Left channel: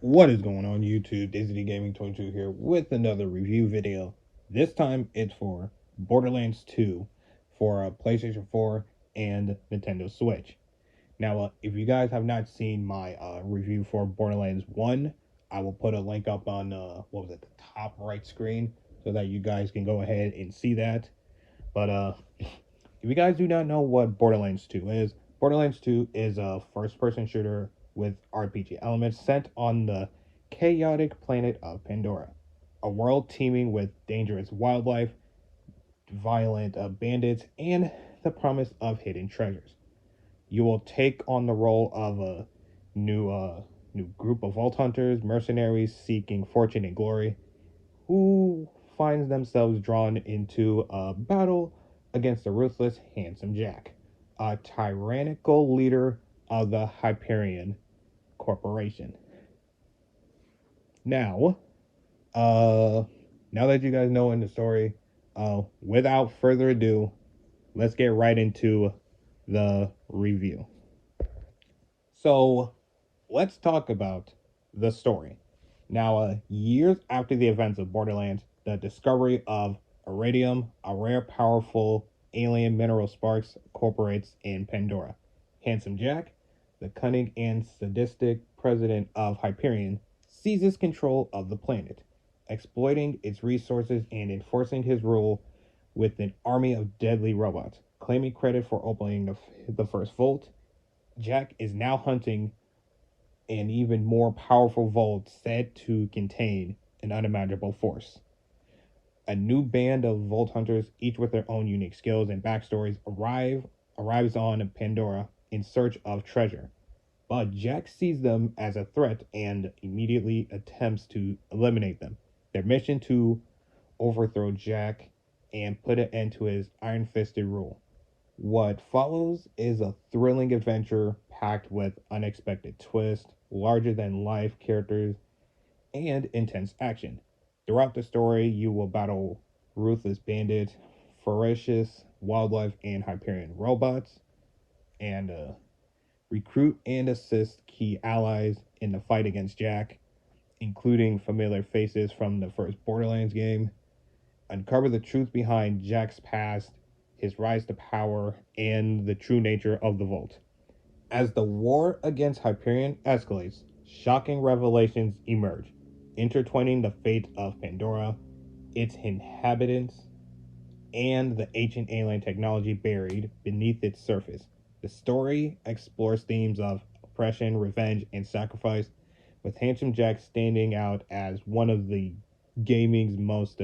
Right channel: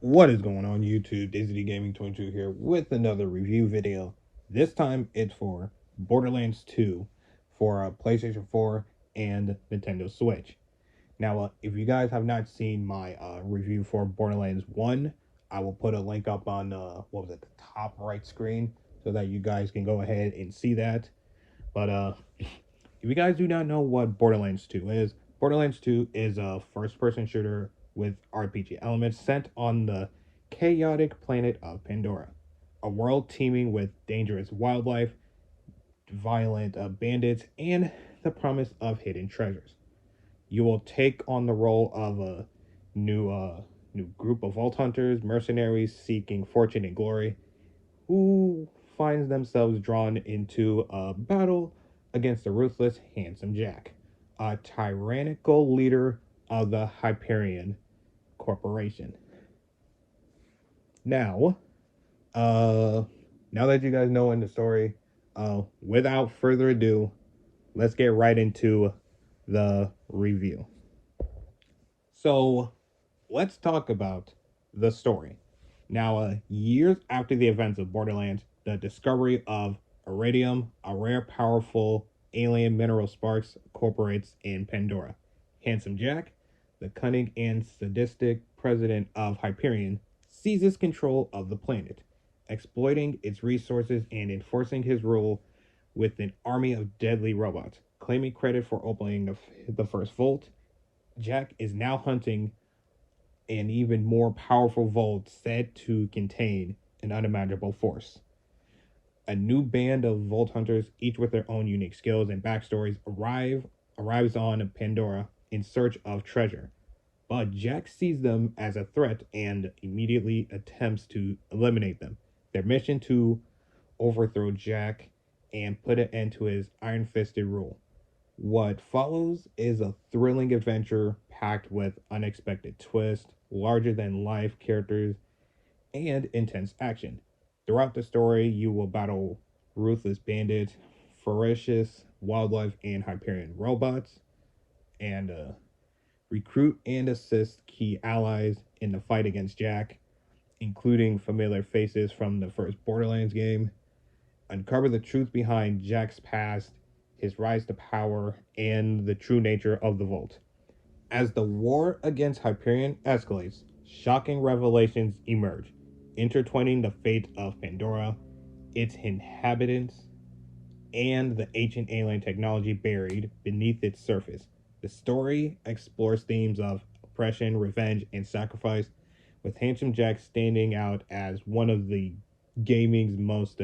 What is going on YouTube? Disney Gaming 22 here with another review video. This time it's for Borderlands 2 for PlayStation 4 and Nintendo Switch. Now, if you guys have not seen my review for Borderlands 1, I will put a link up on the top right screen so that you guys can go ahead and see that. But if you guys do not know what Borderlands 2 is, Borderlands 2 is a first-person shooter with RPG elements set on the chaotic planet of Pandora, a world teeming with dangerous wildlife, violent bandits, and the promise of hidden treasures. You will take on the role of a new group of vault hunters, mercenaries seeking fortune and glory, who finds themselves drawn into a battle against the ruthless Handsome Jack, a tyrannical leader of the Hyperion Corporation. Now, uh, now that you guys know in the story, without further ado, let's get right into the review. So, let's talk about the story. Now, years after the events of Borderlands, the discovery of iridium, a rare, powerful alien mineral sparks corporates in Pandora. Handsome Jack, the cunning and sadistic president of Hyperion, seizes control of the planet, exploiting its resources and enforcing his rule with an army of deadly robots. Claiming credit for opening the first vault, Jack is now hunting an even more powerful vault said to contain an unimaginable force. A new band of vault hunters, each with their own unique skills and backstories, arrives on Pandora in search of treasure. But Jack sees them as a threat and immediately attempts to eliminate them. Their mission to overthrow Jack and put an end to his iron-fisted rule. What follows is a thrilling adventure packed with unexpected twists, larger than life characters, and intense action. Throughout the story, you will battle ruthless bandits, ferocious wildlife, and Hyperion robots, and recruit and assist key allies in the fight against Jack, including familiar faces from the first Borderlands game. Uncover the truth behind Jack's past, his rise to power, and the true nature of the Vault. As the war against Hyperion escalates, shocking revelations emerge, intertwining the fate of Pandora, its inhabitants, and the ancient alien technology buried beneath its surface. The story explores themes of oppression, revenge, and sacrifice, with Handsome Jack standing out as one of the gaming's most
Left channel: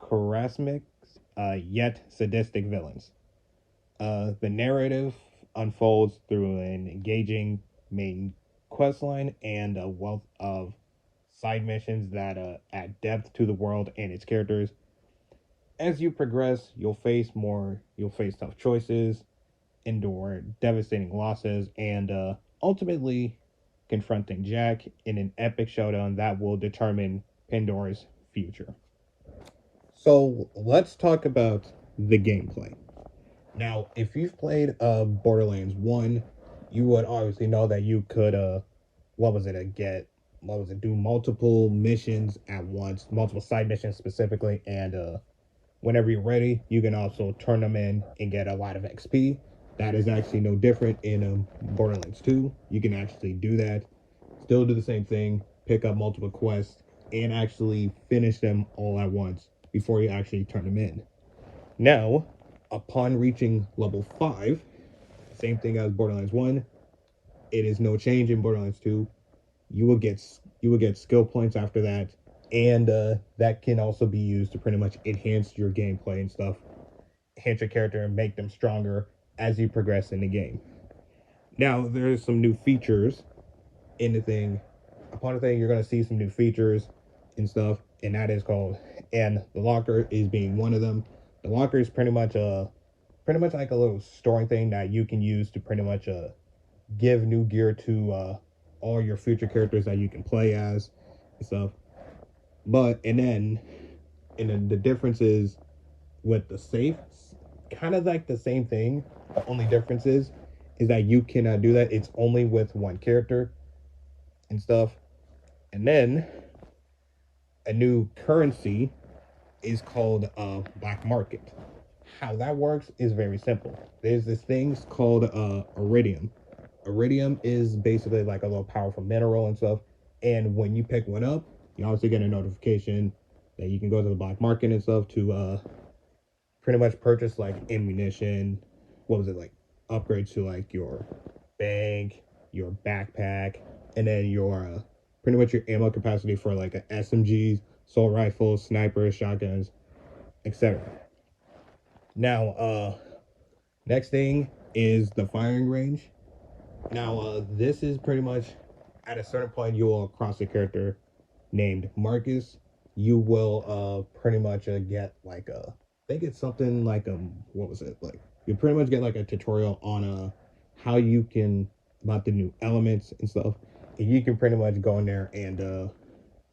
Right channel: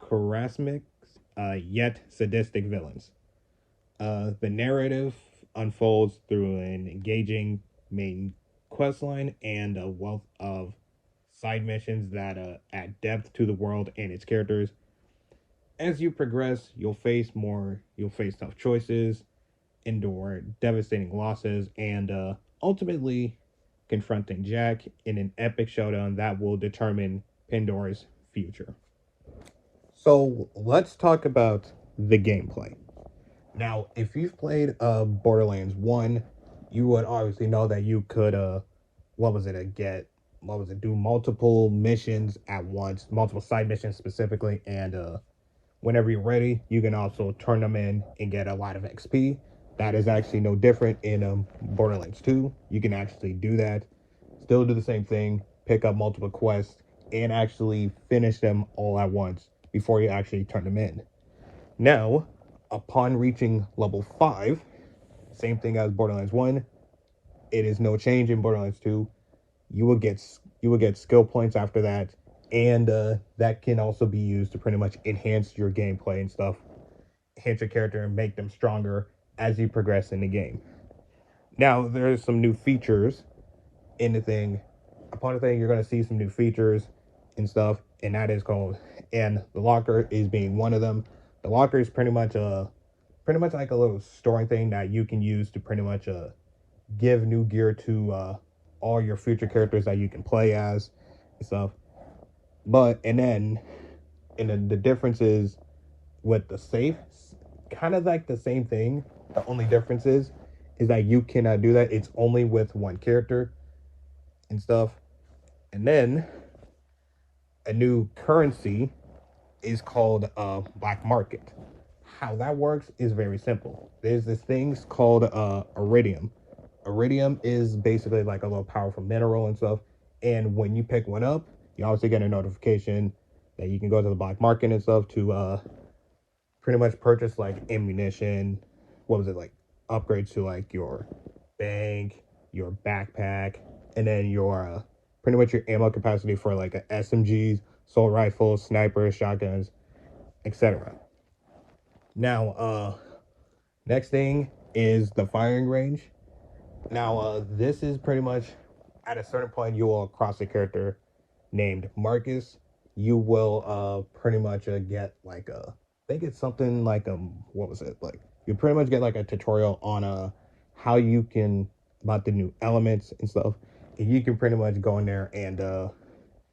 charismatic yet sadistic villains. The narrative unfolds through an engaging main questline and a wealth of side missions that add depth to the world and its characters. As you progress, you'll face tough choices, endure devastating losses, and ultimately confronting Jack in an epic showdown that will determine Pandora's future. So let's talk about the gameplay. Now, if you've played Borderlands 1, you would obviously know that you could do multiple missions at once, multiple side missions specifically, and whenever you're ready, you can also turn them in and get a lot of XP. That is actually no different in Borderlands 2. You can actually do that, still do the same thing, pick up multiple quests, and actually finish them all at once before you actually turn them in. Now, upon reaching level 5, same thing as Borderlands 1, it is no change in Borderlands 2. You will get skill points after that, and that can also be used to pretty much enhance your gameplay and stuff, enhance your character and make them stronger as you progress in the game. Now, there's some new features in the thing. Upon the thing, you're going to see some new features and stuff, and that is called, and the locker is being one of them. The locker is pretty much like a little storing thing that you can use to pretty much give new gear to all your future characters that you can play as and stuff. But and then the difference is with the safe, kind of like the same thing. The only difference is that you cannot do that. It's only with one character and stuff. And then a new currency is called black market. How that works is very simple. There's this thing called iridium. Iridium is basically like a little powerful mineral and stuff. And when you pick one up, you obviously get a notification that you can go to the black market and stuff to pretty much purchase like ammunition. What was it like? Upgrades to like your bag, your backpack, and then your pretty much your ammo capacity for like SMGs, assault rifles, snipers, shotguns, etc. Now, next thing is the firing range. Now, this is pretty much at a certain point you will cross a character named Marcus. You will pretty much get like a, I think it's something like what was it like? You pretty much get like a tutorial on how you can about the new elements and stuff. And you can pretty much go in there and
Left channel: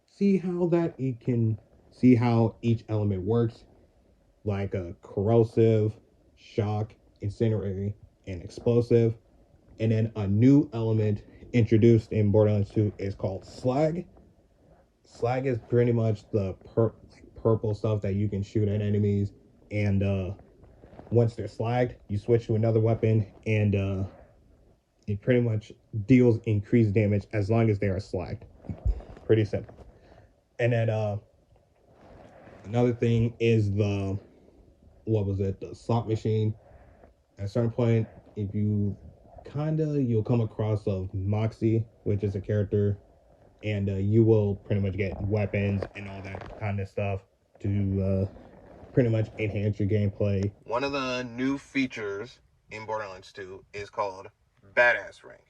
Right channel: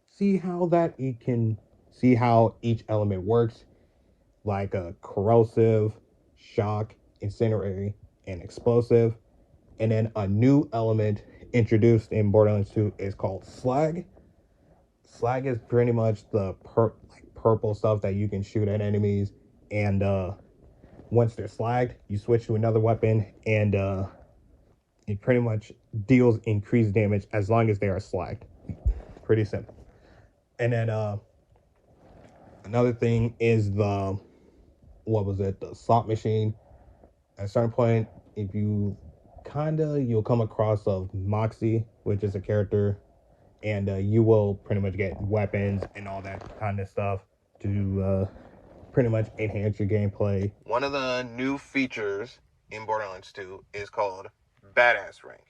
see how that you can see how each element works, like a corrosive, shock, incendiary, and explosive. And then a new element introduced in Borderlands 2 is called slag. Slag is pretty much the purple stuff that you can shoot at enemies, and once they're slagged, you switch to another weapon, and it pretty much deals increased damage as long as they are slagged. Pretty simple. And then another thing is the the slot machine. At a certain point, if you you'll come across of Moxie, which is a character, and you will pretty much get weapons and all that kind of stuff to pretty much enhance your gameplay. One of the new features in Borderlands 2 is called Badass Rank.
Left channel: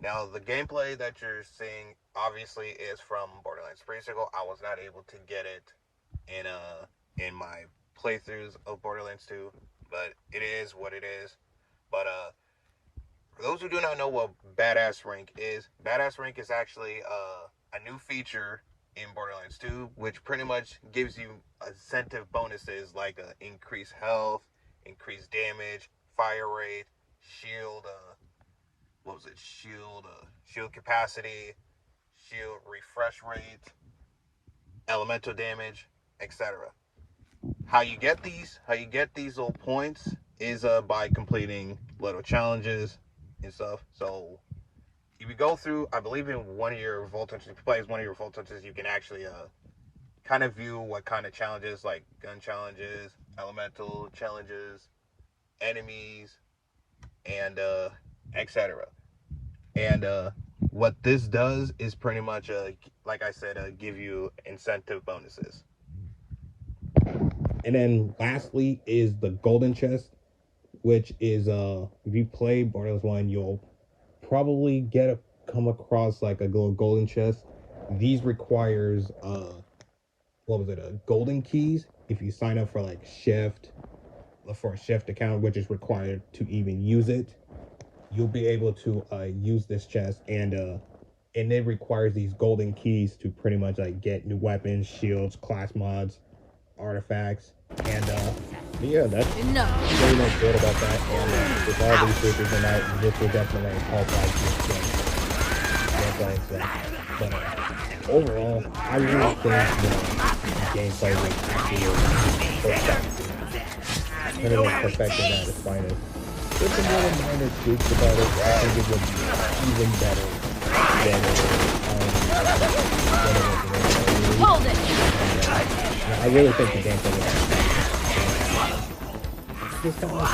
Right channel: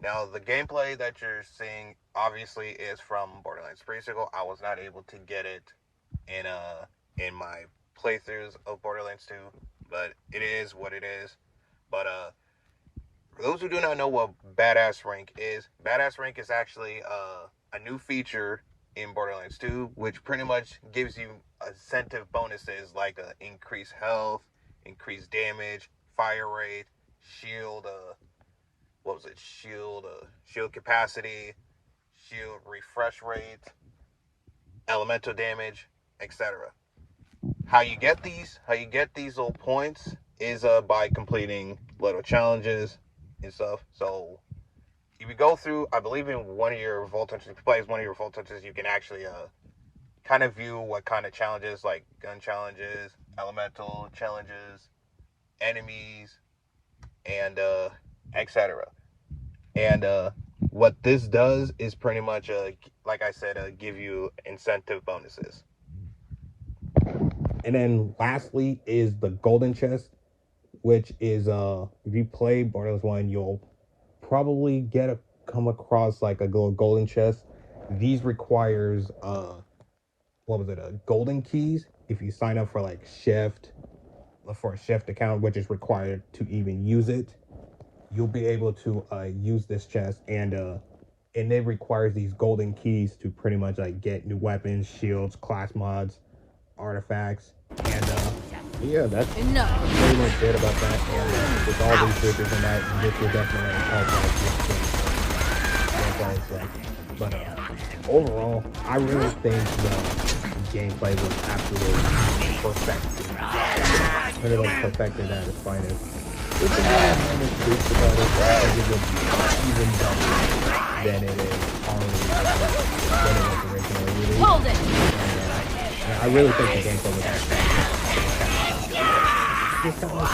Now, the gameplay that you're seeing obviously is from Borderlands Pre-Sequel. I was not able to get it in my playthroughs of Borderlands 2, but it is what it is. But for those who do not know what Badass Rank is actually a new feature in Borderlands 2, which pretty much gives you incentive bonuses like increased health, increased damage, fire rate, shield, shield capacity, shield refresh rate, elemental damage, etc. How you get these little points is by completing little challenges and stuff. So if you go through, I believe in one of your Vault Hunters, if you play as one of your Vault Hunters, you can actually kind of view what kind of challenges, like gun challenges, elemental challenges, enemies, and etc. And what this does is pretty much, like I said, give you incentive bonuses. And then lastly is the golden chest, which is if you play Borderlands 1, you'll probably come across like a little golden chest. These requires golden keys. If you sign up for like for a shift account, which is required to even use it, you'll be able to use this chest, and it requires these golden keys to pretty much like get new weapons, shields, class mods, artifacts, and yeah, that's enough. Pretty much it about that. With all these features in it, this will definitely help. But overall, I really think the gameplay was actually perfected at its finest. If the minor tweaks about it, I think it would be even better than it is. Hold it! I really think the gameplay was just a little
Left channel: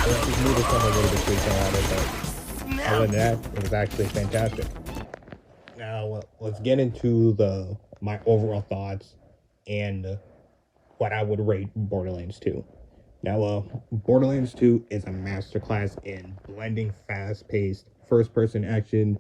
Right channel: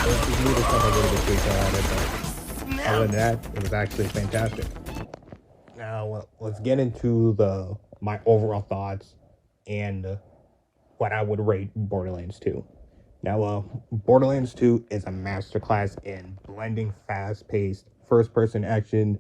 bit tweaked on it. Other than that, it was actually fantastic. Now, let's get into my overall thoughts and what I would rate Borderlands 2. Now, Borderlands 2 is a masterclass in blending fast-paced, first-person action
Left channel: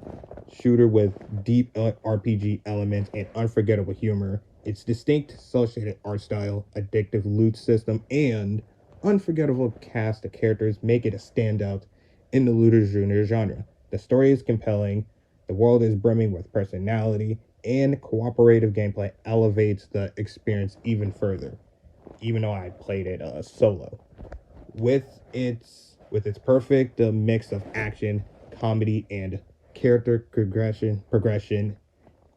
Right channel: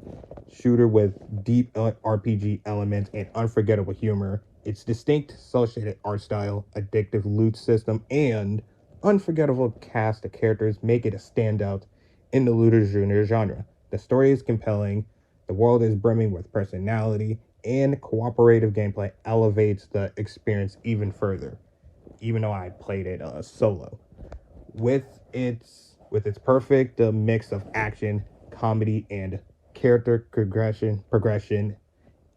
shooter with deep RPG elements and unforgettable humor. Its distinct cel-shaded art style, addictive loot system, and unforgettable cast of characters make it a standout in the looter genre. The story is compelling, the world is brimming with personality, and cooperative gameplay elevates the experience even further, even though I played it solo. With its perfect mix of action, comedy, and character progression,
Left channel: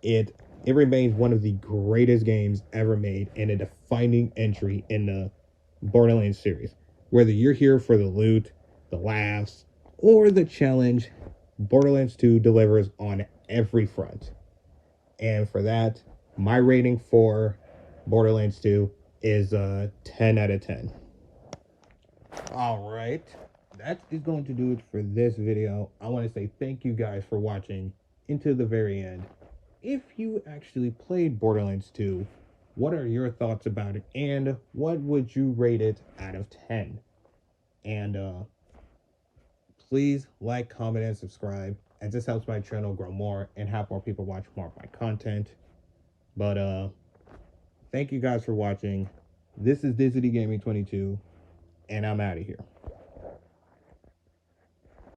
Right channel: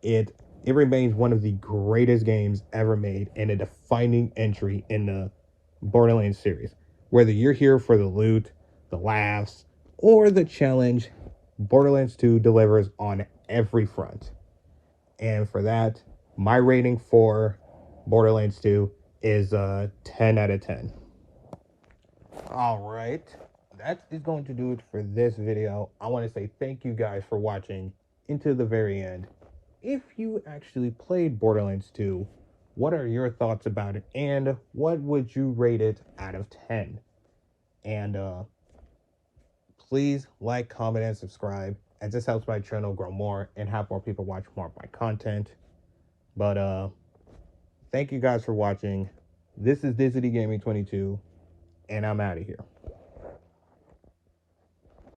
it it remains one of the greatest games ever made and a defining entry in the Borderlands series. Whether you're here for the loot, the laughs, or the challenge, Borderlands 2 delivers on every front. And for that, my rating for Borderlands 2 is a 10 out of 10. All right, that is going to do it for this video. I want to say thank you guys for watching into the very end. If you actually played Borderlands 2, what are your thoughts about it, and what would you rate it out of 10? And please like, comment, and subscribe, as this helps my channel grow more and have more people watch more of my content. But thank you guys for watching. This is Disney Gaming 22, and I'm out of here.